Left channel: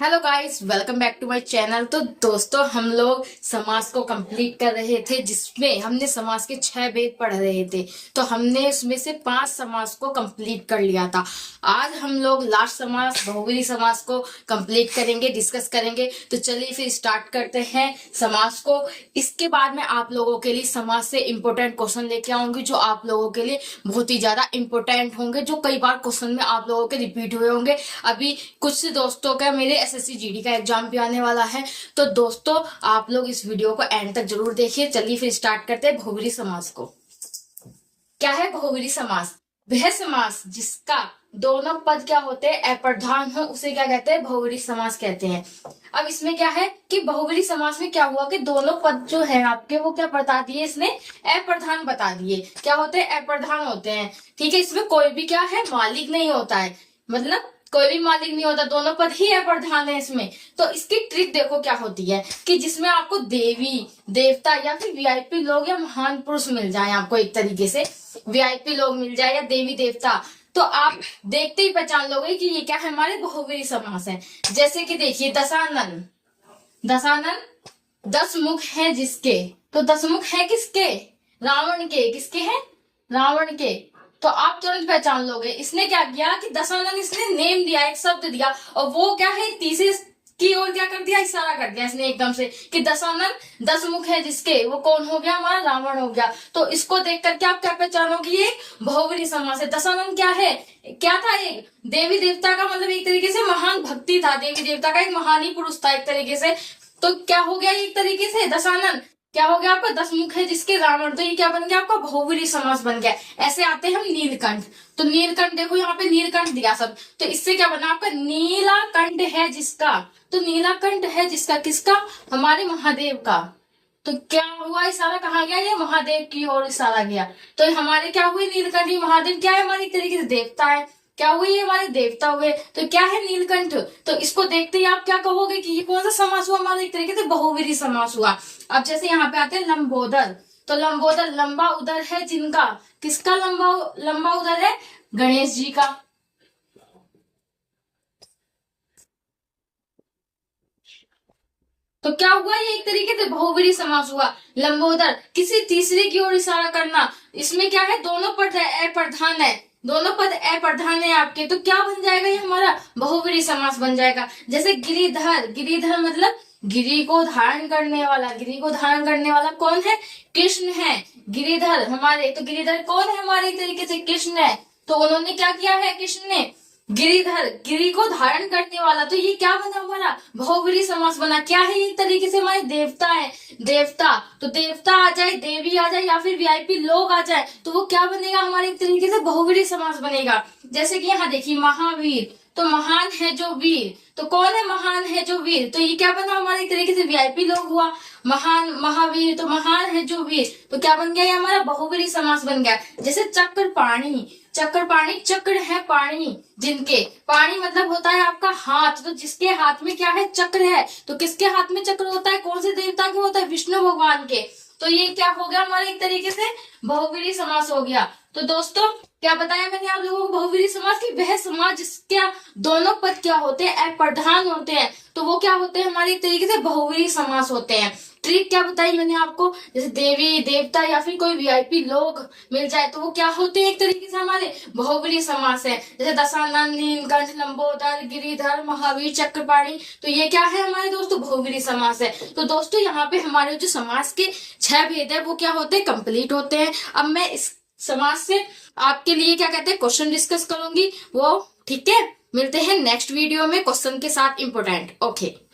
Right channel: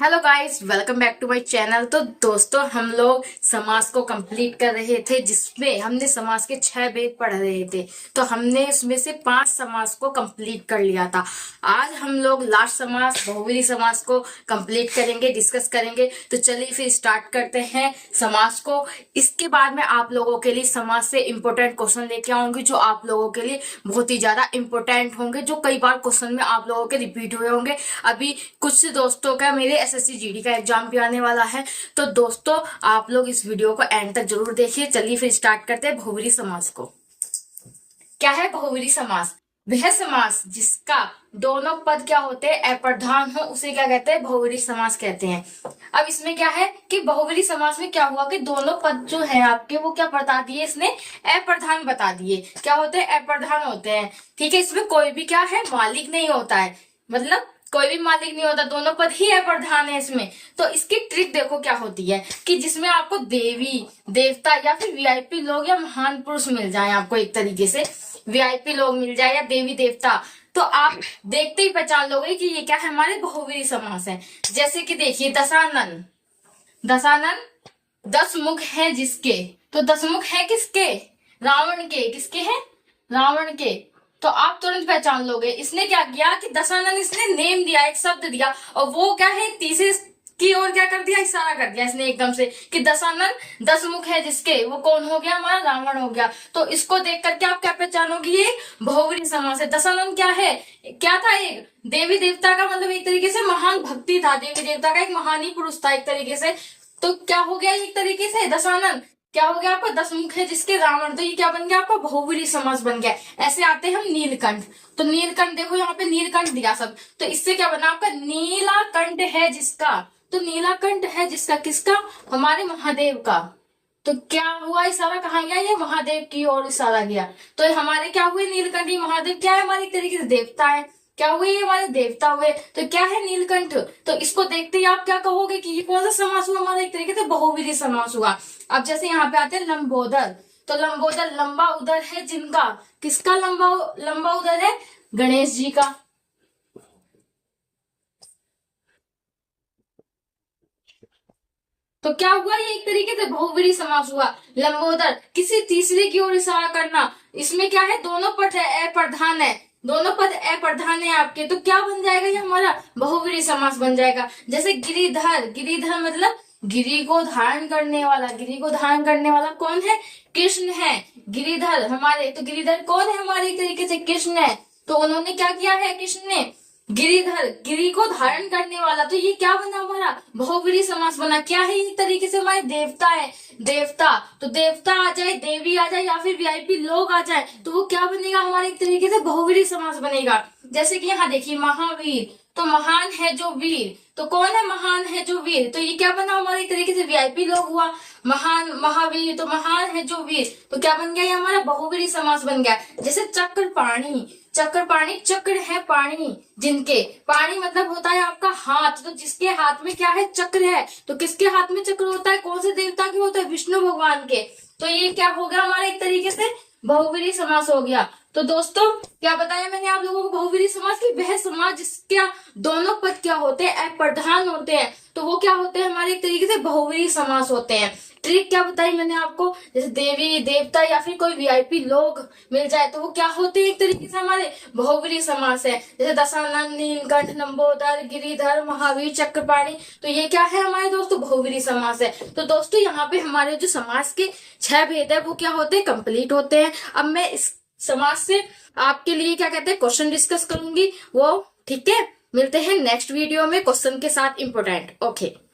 Hello guys, welcome back to my channel. तो दोस्तों, हम लोग समास को कंप्लीट कर रहे थे, जिसमें हमने समास के 6 भेद पढ़ रहे थे। तो हमने उसमें से 5 समास को कंप्लीट कर लिया था। आज हम लोग लास्ट समास बहुव्रीहि समास को कंप्लीट करेंगे, डिस्कस करेंगे। तो चलिए फिर स्टार्ट करते हैं समास को। इसके बाद में आप लोगों के लिए समास से इंपॉर्टेंट क्वेश्चन लेके आऊंगी, जो आप लोगों के लिए बहुत ही ज्यादा इंपॉर्टेंट होंगे, जो कई बार क्वेश्चन में आप लोगों के रिपीट हुए होंगे। अभी कुछ दोस्तों का मेरे एसएससी जीडी का एग्जाम भी आने वाला है। तो दोस्तों, आप लोग इस वीडियो को एंड तक जरूर देखिए। चलिए फिर स्टार्ट करते हैं बहुव्रीहि समास को। क्या है बहुव्रीहि समास? वह समास जिसका दोनों पद क्या होते हैं, अप्रधान हो, उसे क्या कहते हैं? बहुव्रीहि समास कहते हैं। अब इसमें क्या है कि बहुव्रीहि समास में क्या हुआ कि दोनों पद जो है आपके, वो क्या बता दिए इसने? अप्रधान बता दिए। क्या होते हैं? अप्रधान होते हैं। ठीक है, इसमें कोई भी क्या है, मालिक नहीं होता है। मतलब कोई भी मालिक नहीं होता, दोनों पद ही अप्रधान है इसमें। तो इसकी ट्रिक देखो क्या होती है कि जिसमें आपको देवी देवता या फिर वीआईपी लोग या महान पुरुष मिल जाए, आपको एक तरीके से वीआईपी लोग मिल जाए या देवी देवता, तो आप देखते ही पहचान लोगे कि ये क्या है, हमारे बहुव्रीहि समास है। जैसे कि देखिए, दशानन। दशानन 10 मुख है जिसके, तो 10 मुख है किसके? रावण के। किसके हैं? रावण के। तो आप तुरंत पहचान लोगे इसने क्या किया कि दशानन, इसने नेम दिया, एक शब्द दिया, और वो क्या है, तीसरे की ओर क्या कर दिया, इशारा कर दिया इसने एकदम से कि दशानन 10 मुख है जिसके, वो कौन हो गया? हमारा रावण हो गया। तो इसको देख करके आप क्या पहचानोगे? ये बहुव्रीहि समास है। दशानन क्या है, क्या था? एक देवी देवता का, मतलब एक तरीके से महान भक्ति था, देवी देवता का एक महान ही पुरुष था एक तरीके से। तो क्या हो गया एक तरीके से? दशानन क्या हो गया आपका? 10 मुख है जिसके रावण। तो ये क्या बन गया आपका? बहुव्रीहि समास बन गया। ऐसे आते हैं हम नीलकंठ। तो नीलकंठ देखो, यहाँ पे नीलकंठ दिया सब, तो इससे क्या बना आपका? नीलाकंठ है जिसका। तो नीलाकंठ है जिसका, किसका? हमारे महादेव का। तो क्या हुआ, इशारा कहाँ गया? ये महादेव की ओर इशारा गया। तो हमारे क्या हुए? नीलकंठ। महादेव क्या है? हमारे एक तरीके से देवता है। क्या हुए? ये हमारे देवता हुए। तो क्या है? नीलकंठ। तो इसको देखते ही आप क्या कहोगे कि ये कौन सा समास हुआ? हमारा एक तरीके से बहुव्रीहि समास हुआ। अब जैसे यहाँ पे आते हैं लंबोदर। तो लंबोदर, लंबा उदर है जिनका। किसका लंबा लंबा उदर है? गणेश जी का। तो क्या हुआ? ये एक तरीके से बहुव्रीहि समास हुआ। लंबोदर, किसी तीसरे की ओर इशारा करना। इसमें क्या है? दोनों पद है, अप्रधान है। दोनों पद अप्रधान है आपके, तो क्या बन जाएगा? ये हमारा बहुव्रीहि समास बन जाएगा। जैसे गिरिधर। गिरिधर मतलब गिरी को धारण करने वाला। गिरी को धारण करने वाला कौन है? कृष्ण है। गिरिधर हमारे, तो गिरिधर कौन है? हमारे एक तरीके से कृष्ण है। तो उन्होंने क्या किया है? कृष्ण ने गिरिधर, गिरी को धारण करने वाला। तो ये क्या बना हमारा? बहुव्रीहि समास बना। क्या है? एक तरीके से हमारे देवता है। देवता, तो देवता आ जाए, देवी आ जाए, या फिर वीआईपी लोग आ जाए, तो वो क्या बनेगा? हमारे एक तरीके से बहुव्रीहि समास बनेगा। जैसे कि यहाँ देखिए, महावीर। तो महान है जो वीर। तो कौन है महान है जो वीर? तो ये क्या बना? हमारे एक तरीके से वीआईपी लोग हुआ। महान, महावीर, तो महान है जो वीर, तो क्या बन गया? ये हमारा बहुव्रीहि समास बन गया। जैसे चक्रपाणी। चक्रपाणी, चक्र है पाणी जिनके। पाणी मतलब होता है आपका हाथ। तो जिसके हाथ में क्या है? चक्र है। तो किसके हाथ में चक्र होता है? कौन से देवता के होता है? विष्णु भगवान के। तो ये क्या हो गया हमारा? एक तरीके से बहुव्रीहि समास हो गया। तो दोस्तों, क्या बताया मैंने आप लोगों को? बहुव्रीहि समास की वह समास जिसके दोनों पद क्या होते हैं? अप्रधान होते हैं। तो वो क्या होते हैं? हमारे एक तरीके से बहुव्रीहि समास होते हैं। ट्रिक क्या बताई मैंने आपको? जैसे देवी देवता या फिर कोई वीआईपी लोग मिल जाए, तो वो क्या होते हैं? एक तरीके से हमारे बहुव्रीहि समास है। जैसे दशानन, नीलकंठ, लंबोदर, गिरिधर, महावीर, चक्रपाणी, तो ये क्या है हमारे दोस्तों? बहुव्रीहि समास है। तो दोस्तों, यहाँ पे हमारे जो समास के 6 भेद है, वो क्या होते हैं? कंप्लीट होते हैं। अब मैं इस समास से आपके लिए क्या कहते हैं, क्वेश्चन डिस्कस करूंगी वो। ठीक है, मिलते हैं नेक्स्ट वीडियो में क्वेश्चन के साथ, इंपोर्टेंट। ओके।